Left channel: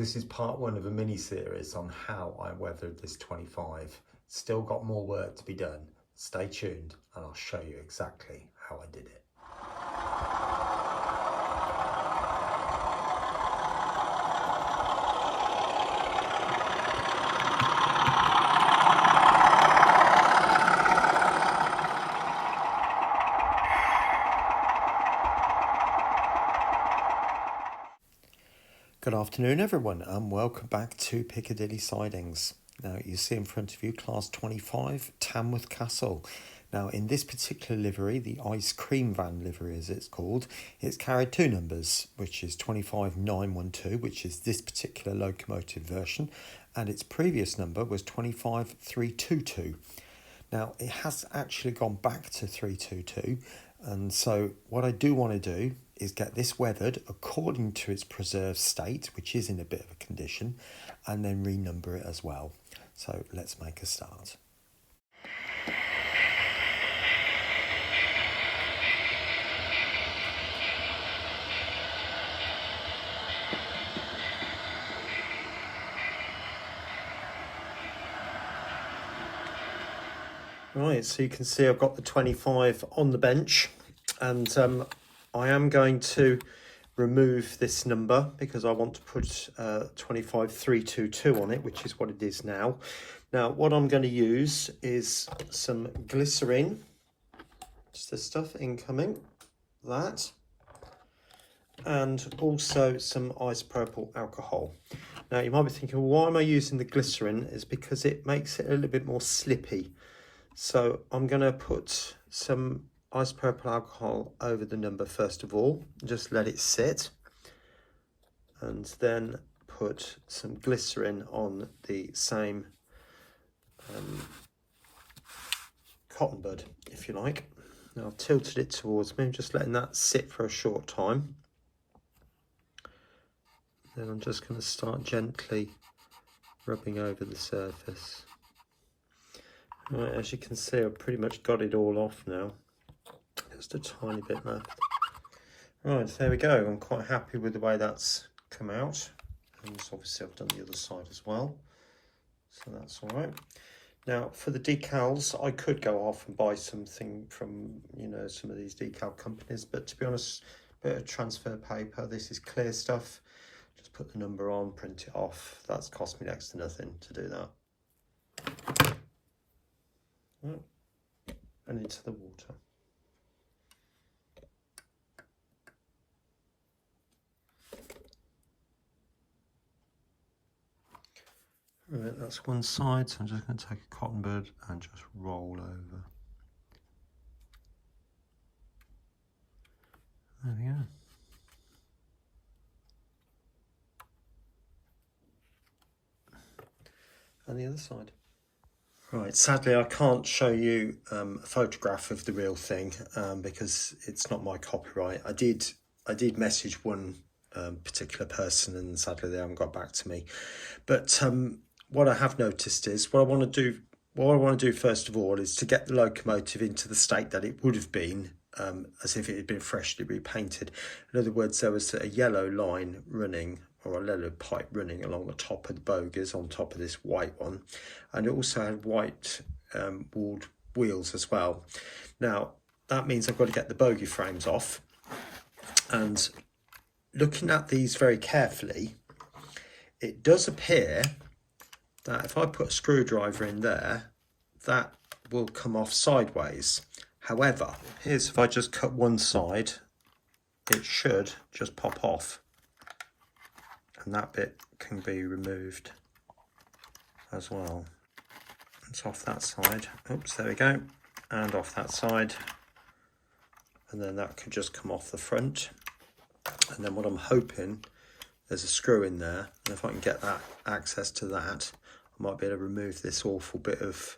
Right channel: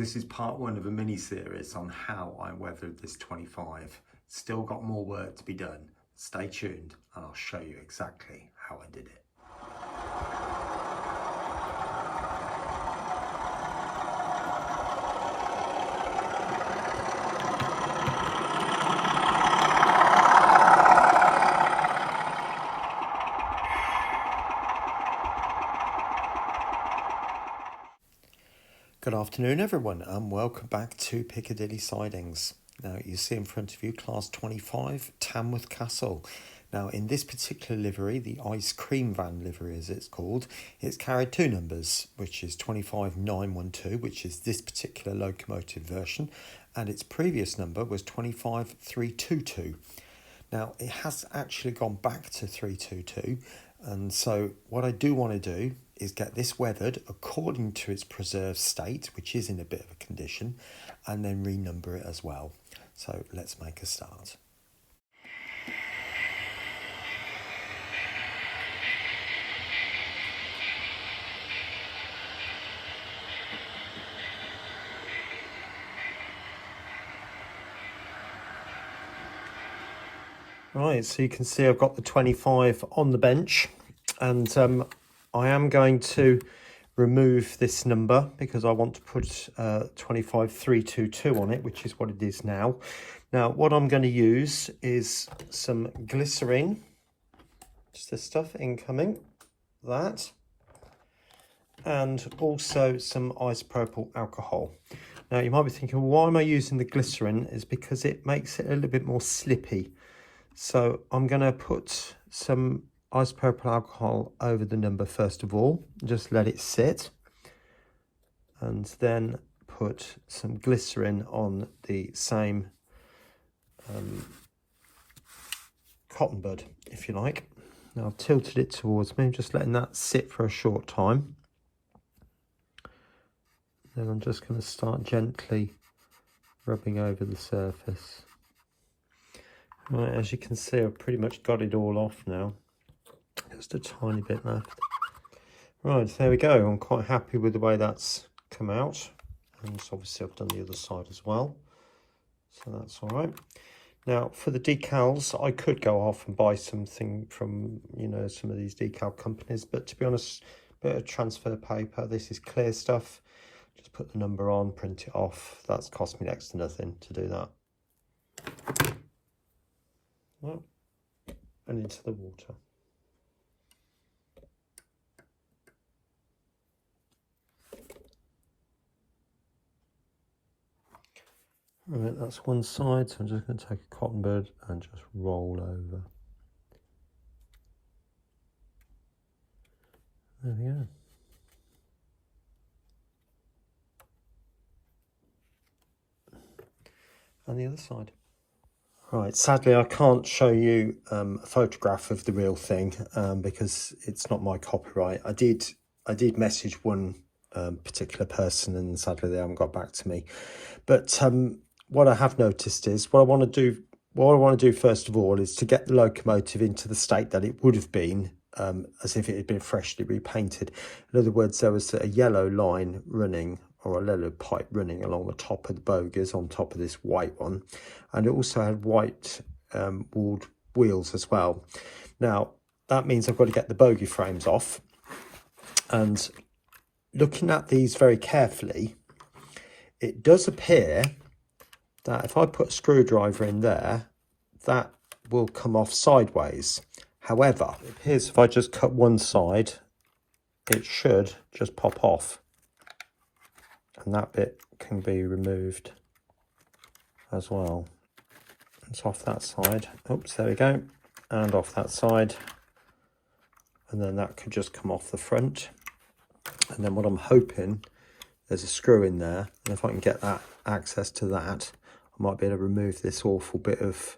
This is part one of a mini series on how I weathered this 25. Still got more work to be done. Stay tuned and I'll show you exactly how I did it. Good afternoon everyone and welcome back to Piccadilly Sidings. Now you see in front of you class 25 Tamworth Castle. Now in this particular livery, the ice cream van livery as it's called, it's carried two numbers, which is 25912, which is this particular locomotive version, and its previous number was 25322. Now it has actually gone back to 322, and so what I do want to do is get this weathered according to its preserved state, which is in a bit of a condition, and then renumber it as well. So let's make a start. Right, so you can see I've got the 25 on the bench, and I am going to remove this number because I want to put 25322 on it, which is what it is now. Now what I'm going to use is some glycerine, just this stuff incoming, that, and also some isopropyl alcohol. Now you might be thinking, well, why am I using the glycerine? Is because it makes it a little bit more slippy. So I'm going to put some isopropyl alcohol over the number first of all, just let it sit, and then put some glycerine on the same cotton bud, if you like. Now I've tilted it towards me, I'm just letting that sit for a short time. Then I'm just going to start gently rubbing over the surface. Right, as you can see, I've pretty much got it all off now. Just a tiny bit left. Right, so there we go. I'm quite happy with the way that's come out. And so obviously I've done the other side as well. So that's all right. Now for the decals, I could go off and buy something from, you know, some of these decal companies. But to be honest, a bit of transfer paper. This is clear stuff. Just put the number on, print it off. That's cost me next to nothing to do that. Well, and into the water. Right, that's one side, so I'm just going to take a cotton bud and just roll over. There we go. And the other side. Right, sadly I can't show you a photograph of the real thing because it's not my copyright. I did message one particular person and sadly they haven't got back to me. But what I have noticed is what I want to do first of all is to get the locomotive into the state that it would have been as if it had been freshly repainted. In other words, there was a yellow line running, or a yellow pipe running along the top of the bogies on top of this white one, and it also had white walled wheels as well. Now that means I've got to get the bogie frames off, and looking at these very carefully, it does appear that if I put a screwdriver in there, that will come off sideways. However, it appears if I just cut one side, it should just pop off. And that bit can be removed as well. It's off that side. Oops, there we go. And off that side. And then that could just come off the front. And then what I'm hoping, there's a screw in there. And if I can get that access to that, I might be able to remove this awful bit of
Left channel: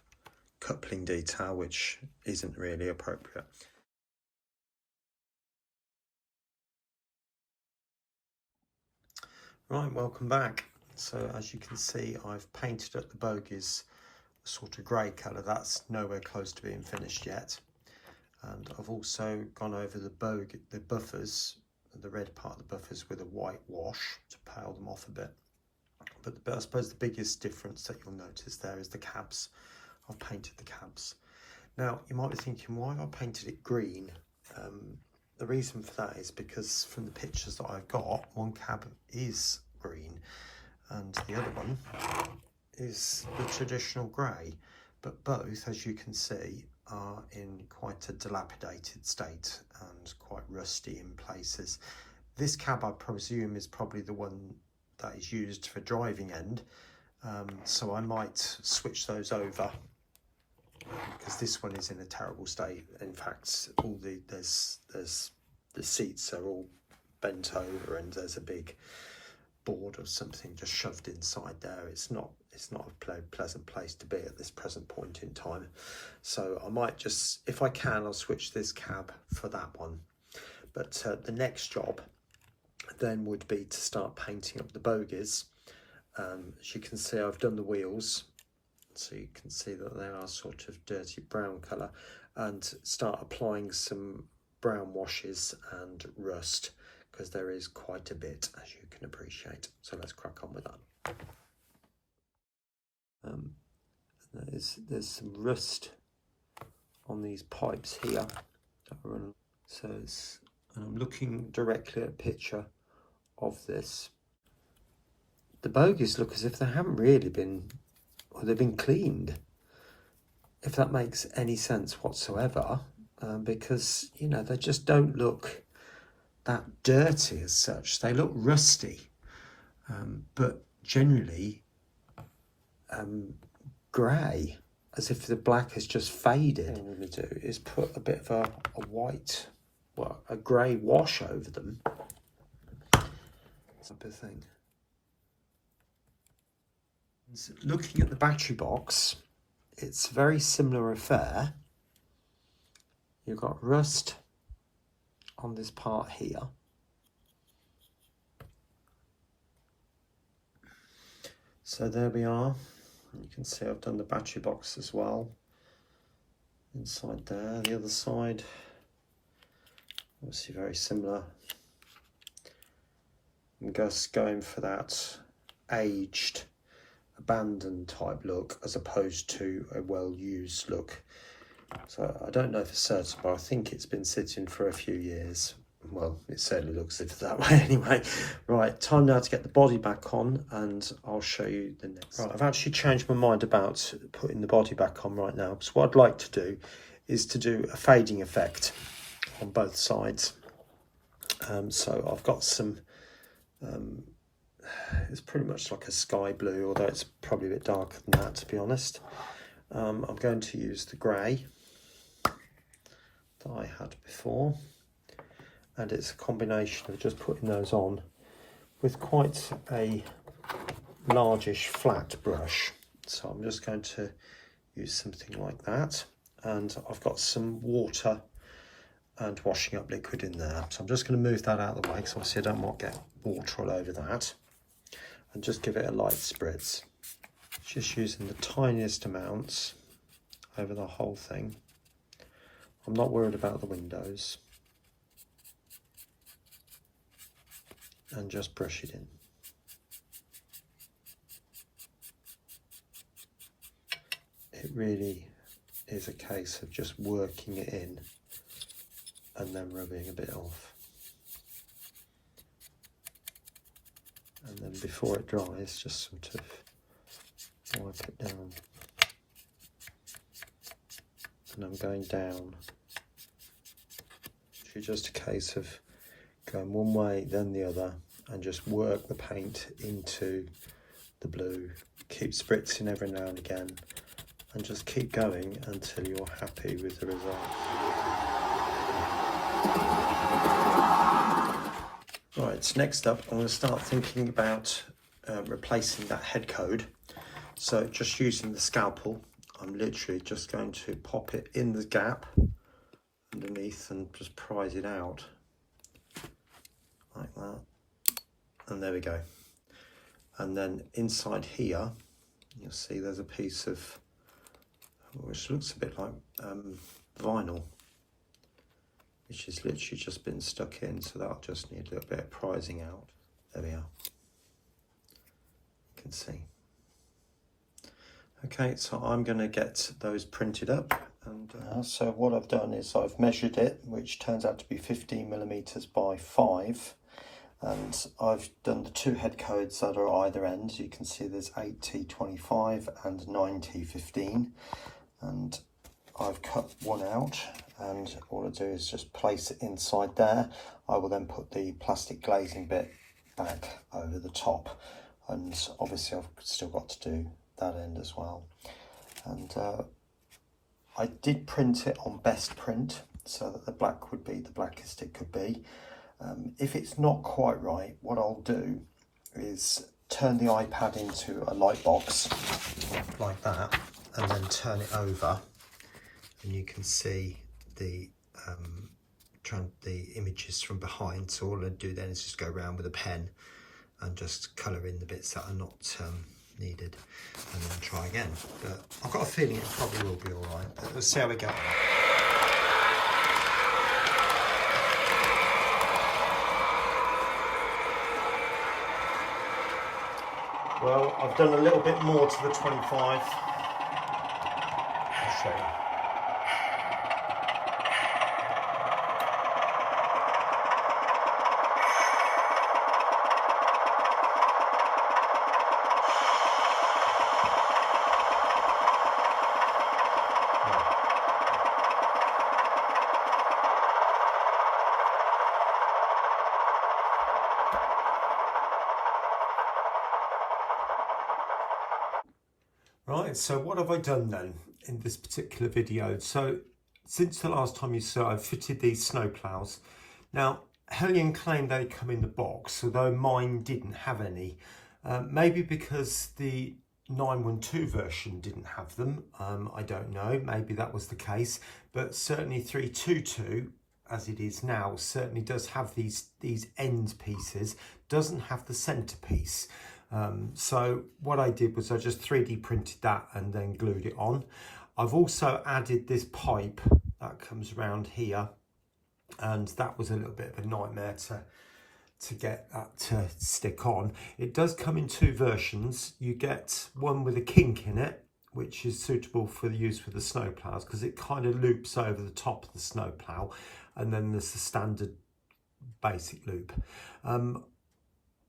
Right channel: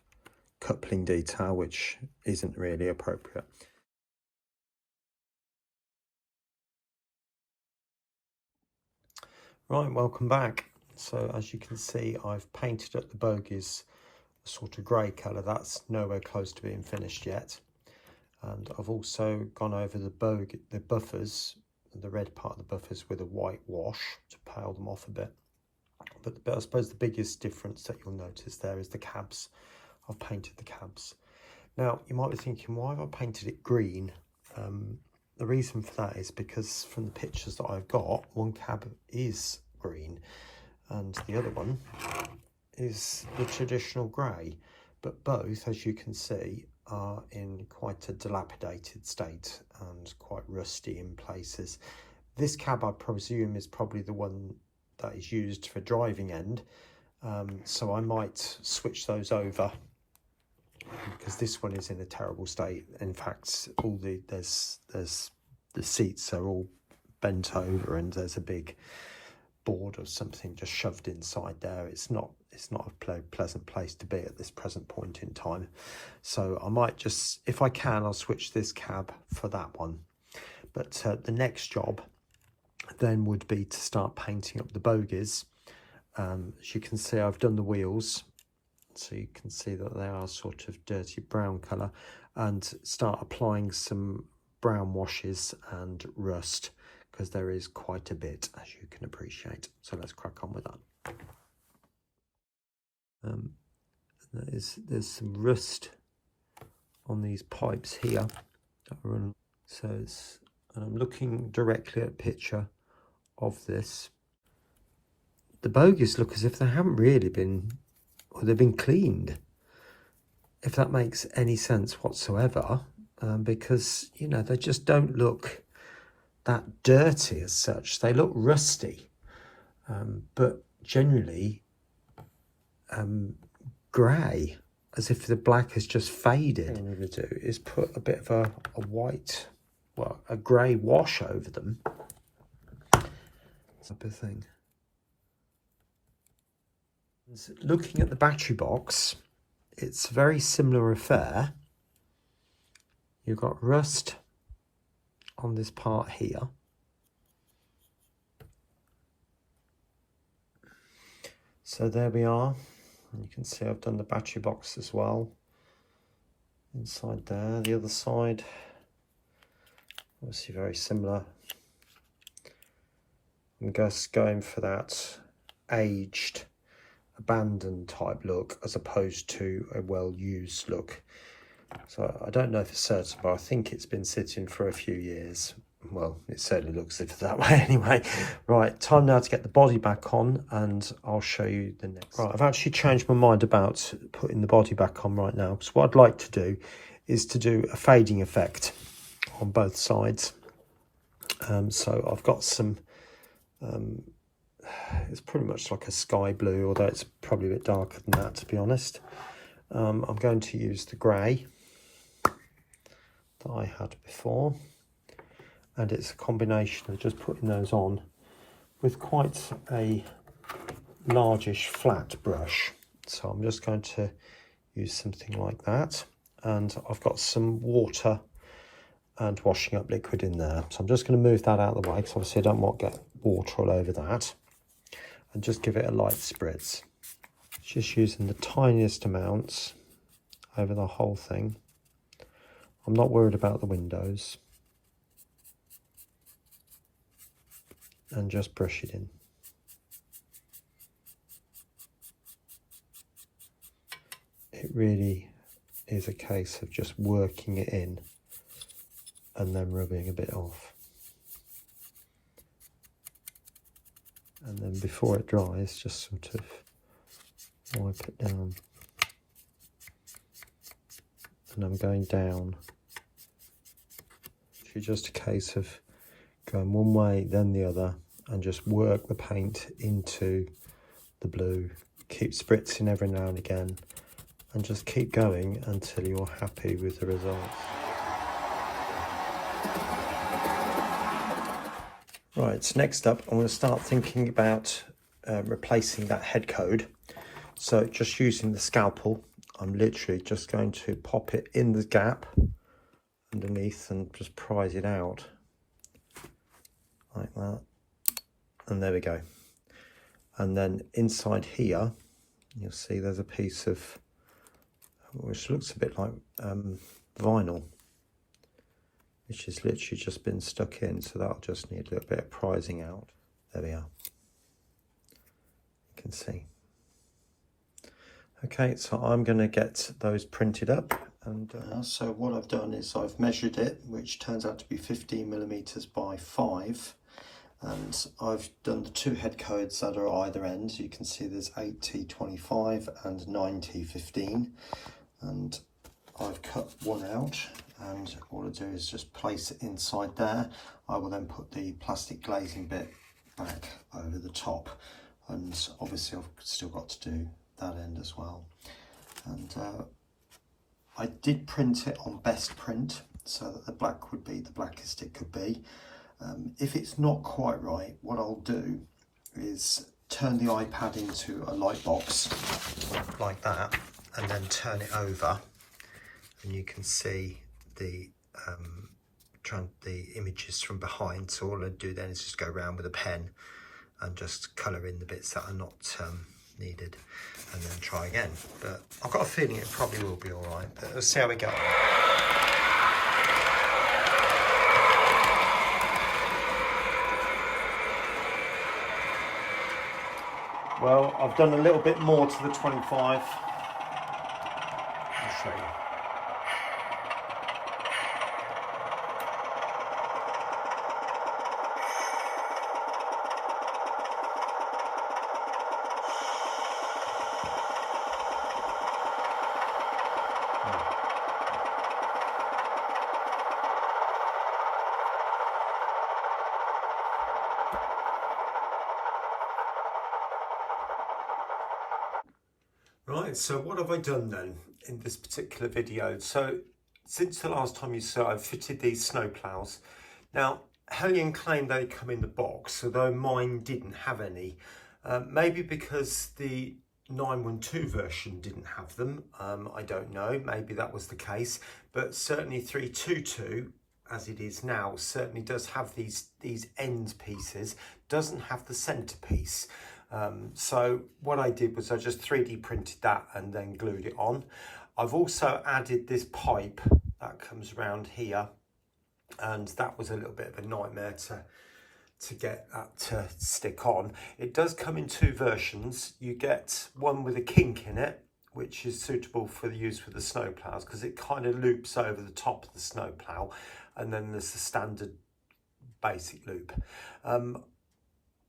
coupling detail, which isn't really appropriate. Right, welcome back. So as you can see, I've painted up the bogies a sort of grey colour. That's nowhere close to being finished yet. And I've also gone over the buffers, the red part of the buffers, with a white wash to pale them off a bit. But I suppose the biggest difference that you'll notice there is the cabs. I've painted the cabs. Now, you might be thinking, why have I painted it green? The reason for that is because from the pictures that I've got, one cab is green and the other one is the traditional grey. But both, as you can see, are in quite a dilapidated state and quite rusty in places. This cab, I presume, is probably the one that is used for driving end. So I might switch those over, because this one is in a terrible state. In fact, all the seats are all bent over and there's a big board or something just shoved inside there. It's not a pleasant place to be at this present point in time. So I might just, if I can, I'll switch this cab for that one. But the next job then would be to start painting up the bogies. As you can see, I've done the wheels, so you can see that they are sort of dirty brown colour, and start applying some brown washes and rust, because there is quite a bit, as you can appreciate. So let's crack on with that. There's some rust on these pipes here. So I'm looking directly at a picture of this. The bogies look as if they haven't really been, or they've been cleaned, if that makes any sense whatsoever, because, you know, they just don't look that dirty as such. They look rusty, but generally grey, as if the black has just faded. What I'm going to do is put a bit of a white, well, a grey wash over them, type of thing. Looking at the battery box, it's a very similar affair. You've got rust on this part here. So there we are. You can see I've done the battery box as well. Inside there, the other side, obviously very similar. I'm just going for that aged, abandoned type look as opposed to a well-used look. So I don't know for certain, but I think it's been sitting for a few years. Well, it certainly looks as if that way anyway. Right, time now to get the body back on, and I'll show you the next. Right, I've actually changed my mind about putting the body back on right now. So what I'd like to do is to do a fading effect on both sides. So I've got some, it's pretty much like a sky blue, although it's probably a bit darker than that, to be honest. I'm going to use the grey that I had before, and it's a combination of just putting those on with quite a largish flat brush. So I'm just going to use something like that, and I've got some water and washing up liquid in there. So I'm just going to move that out of the way, because obviously I don't want to get water all over that, and just give it a light spritz. Just using the tiniest amounts over the whole thing. I'm not worried about the windows. And just brush it in. It really is a case of just working it in and then rubbing a bit off. And then before it dries, just sort of wipe it down. And I'm going down. It's just a case of going one way then the other, and just work the paint into the blue. Keep spritzing every now and again, and just keep going until you're happy with the result. Right, next up I'm going to start thinking about replacing that head code. So just using the scalpel, I'm literally just going to pop it in the gap underneath and just prise it out like that, and there we go. And then inside here you'll see there's a piece of, which looks a bit like vinyl, which has literally just been stuck in, so that'll just need a little bit of prising out. There we are. can see. Okay, so I'm going to get those printed up. And so what I've done is I've measured it, which turns out to be 15mm by 5. And I've done the 2 head codes that are either end. You can see there's 8T25 and 9T15. And I've cut one out, and all I do is just place it inside there. I will then put the plastic glazing bit back over the top, and obviously I've still got to do that end as well. And I did print it on best print so that the black would be the blackest it could be. If it's not quite right, what I'll do is turn the iPad into a light box like that, and then turn it over, and you can see the images from behind. So all I do then is just go around with a pen and just colour in the bits that are not needed, and then try again. But I've got a feeling it probably will be all right, but let's see how we go. Well, I've done a little bit more to the 25. I'll show you. Right, so what have I done then in this particular video? So since the last time you saw, I've fitted these snow plows. Now, Hellion claimed they come in the box, although mine didn't have any. Maybe because the 912 version didn't have them, I don't know, maybe that was the case, but certainly 322, as it is now, certainly does have these end pieces, doesn't have the centerpiece. So what I did was I just 3D printed that and then glued it on. I've also added this pipe that comes around here, and that was a little bit of a nightmare to get that to stick on. It does come in 2 versions. You get one with a kink in it, which is suitable for the use with the snow plows because it kind of loops over the top of the snow plow, and then there's the standard basic loop.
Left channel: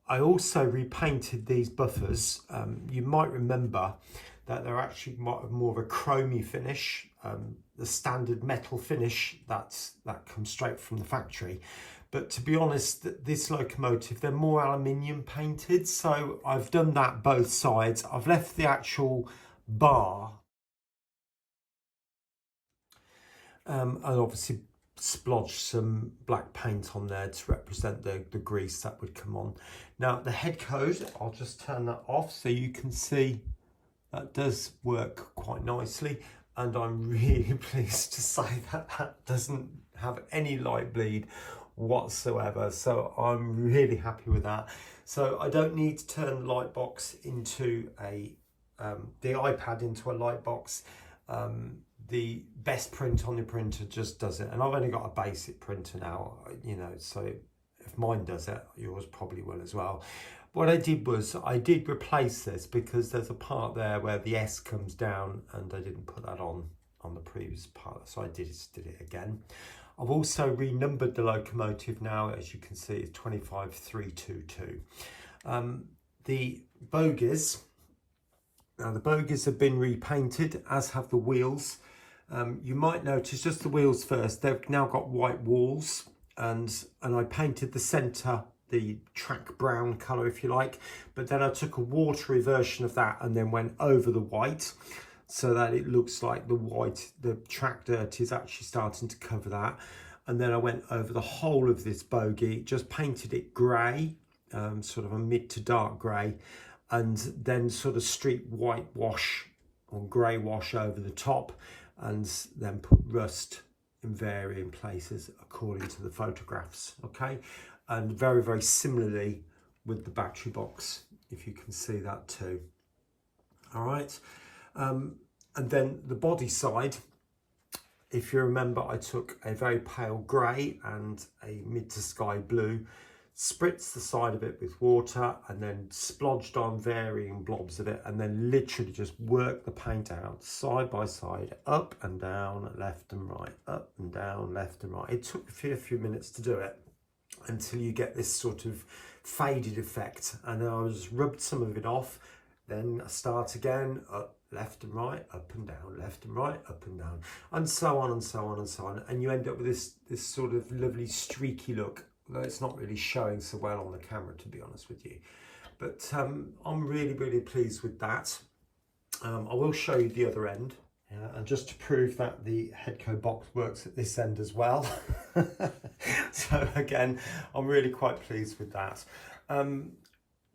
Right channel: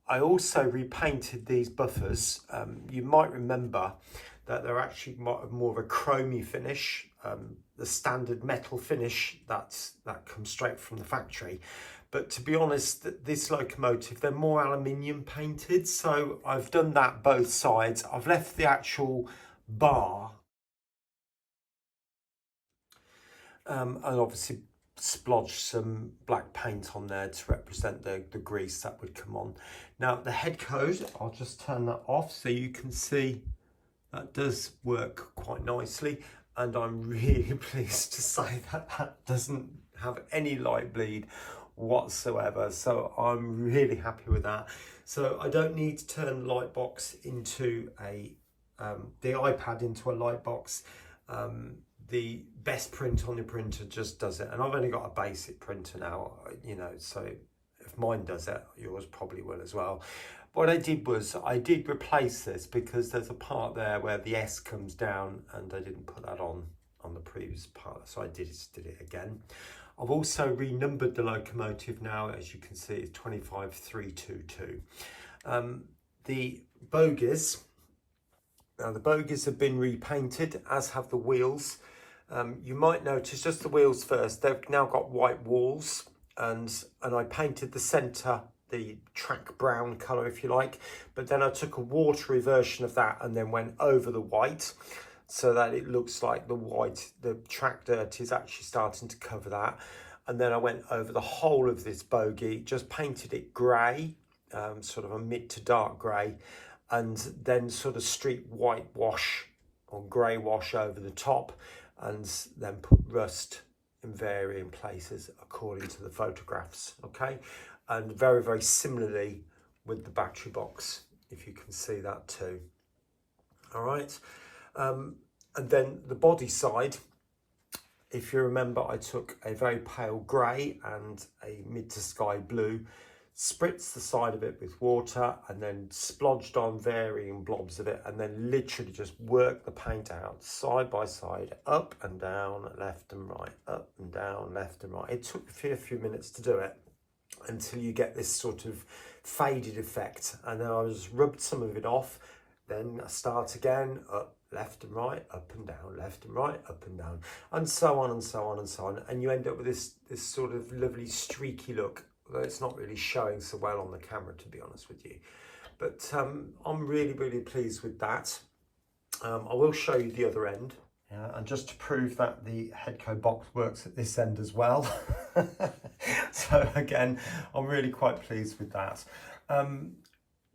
I also repainted these buffers. You might remember that they're actually more of a chromy finish, the standard metal finish that comes straight from the factory. But to be honest, this locomotive, they're more aluminium painted. So I've done that both sides. I've left the actual bar and obviously splodged some black paint on there to represent the grease that would come on. Now the head code, I'll just turn that off so you can see that does work quite nicely, and I'm really pleased to say that that doesn't have any light bleed whatsoever, so I'm really happy with that. So I don't need to turn the light box into the iPad into a light box. The best print on the printer just does it, and I've only got a basic printer now, you know, so if mine does it, yours probably will as well. What I did was I did replace this because there's a part there where the S comes down and I didn't put that on the previous part, so I did it again. I've also renumbered the locomotive now, as you can see, it's 25322. The bogies, now the bogies have been repainted, as have the wheels. You might notice just the wheels first, they've now got white walls, and I painted the centre, the track brown colour if you like, but then I took a watery version of that and then went over the white so that it looks like the track dirt is actually starting to cover that. And then I went over the whole of this bogie, just painted it grey, sort of a mid to dark grey, and then sort of street whitewash or grey wash over the top, and then put rust in varying places according to the photographs, okay? And very, very similarly with the battery box, if you can see that too. All right, and then the body side, if you remember, I took a very pale grey and a mid to sky blue spritzed the side of it with water and then splodged on varying blobs of it, and then literally just worked the paint out side by side, up and down, left and right, up and down, left and right. It took a few minutes to do it until you get this sort of faded effect, and then I just rubbed some of it off, then I start again, up, left and right, up and down, left and right, up and down, and so on and so on and so on, and you end up with this sort of lovely streaky look, although it's not really showing so well on the camera, to be honest with you. But I'm really pleased with that. I will show you the other end, and just to prove that the headco box works at this end as well. So again, I'm really quite pleased with that.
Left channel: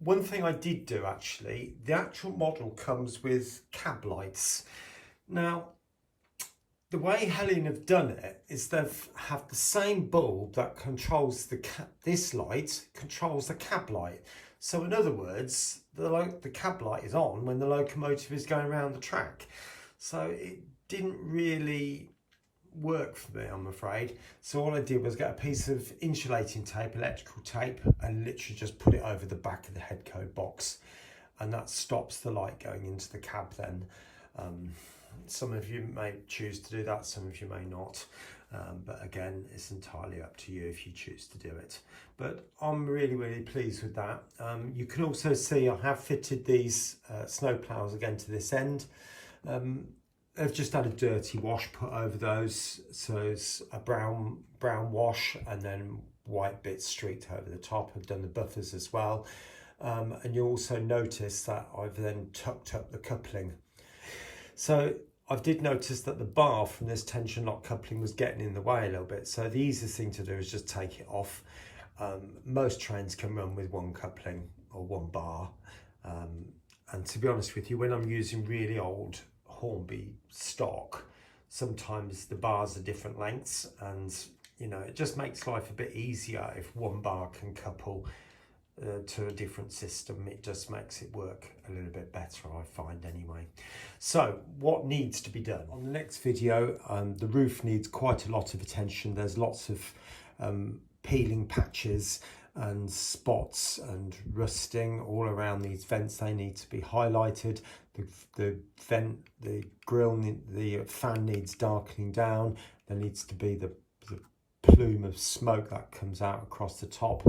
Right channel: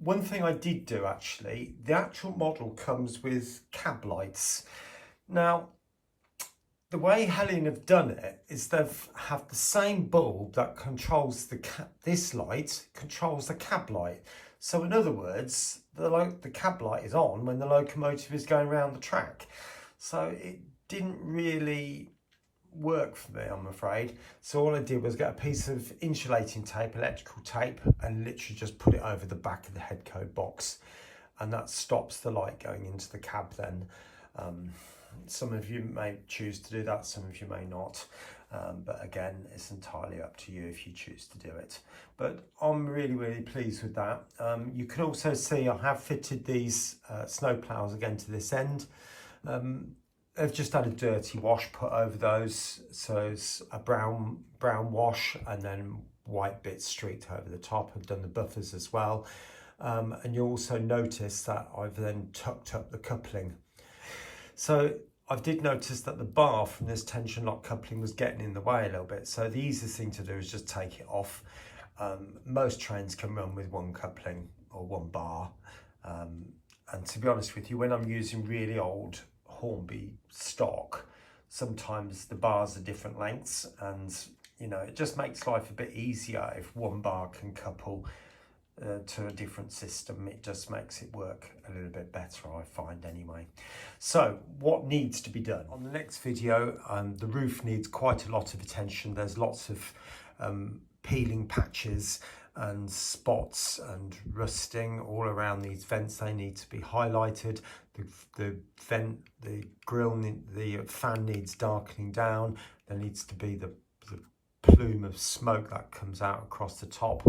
One thing I did do, actually, the actual model comes with cab lights. Now, the way Helen have done it is they've have the same bulb that controls this light controls the cab light. So in other words, the cab light is on when the locomotive is going around the track. So it didn't really work for me, I'm afraid. So all I did was get a piece of insulating tape, electrical tape, and literally just put it over the back of the headco box, and that stops the light going into the cab then. Some of you may choose to do that, some of you may not, but again, it's entirely up to you if you choose to do it. But I'm really pleased with that. You can also see I have fitted these snow ploughs again to this end. I've just had a dirty wash put over those, so it's a brown wash and then white bits streaked over the top. I've done the buffers as well, and you'll also notice that I've then tucked up the coupling. So I did notice that the bar from this tension lock coupling was getting in the way a little bit, so the easiest thing to do is just take it off. Most trains can run with one coupling or one bar, and to be honest with you, when I'm using really old Hornby stock, sometimes the bars are different lengths, and you know, it just makes life a bit easier if one bar can couple to a different system. It just makes it work a little bit better, I find, anyway. So what needs to be done? On the next video, the roof needs quite a lot of attention. There's lots of peeling patches and spots and rusting all around these vents. They need to be highlighted. The vent, the grill, the fan needs darkening down. There needs to be the plume of smoke that comes out across the top.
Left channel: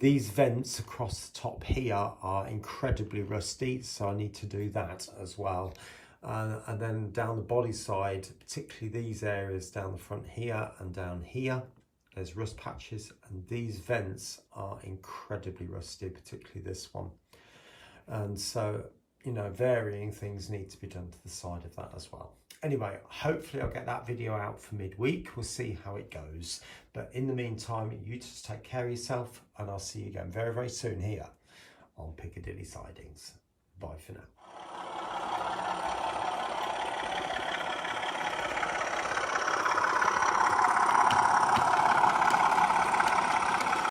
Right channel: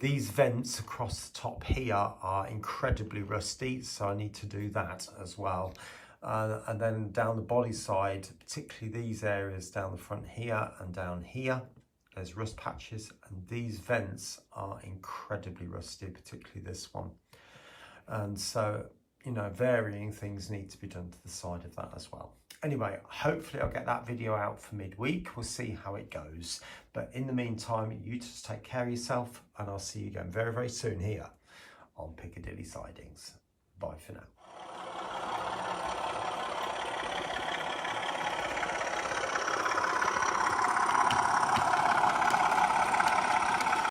These vents across the top here are incredibly rusty, so I need to do that as well. And then down the body side, particularly these areas down the front here and down here, there's rust patches, and these vents are incredibly rusty, particularly this one. And so, you know, varying things need to be done to the side of that as well. Anyway, hopefully I'll get that video out for midweek. We'll see how it goes. But in the meantime, you just take care of yourself, and I'll see you again very soon here on Piccadilly Sidings. Bye for now.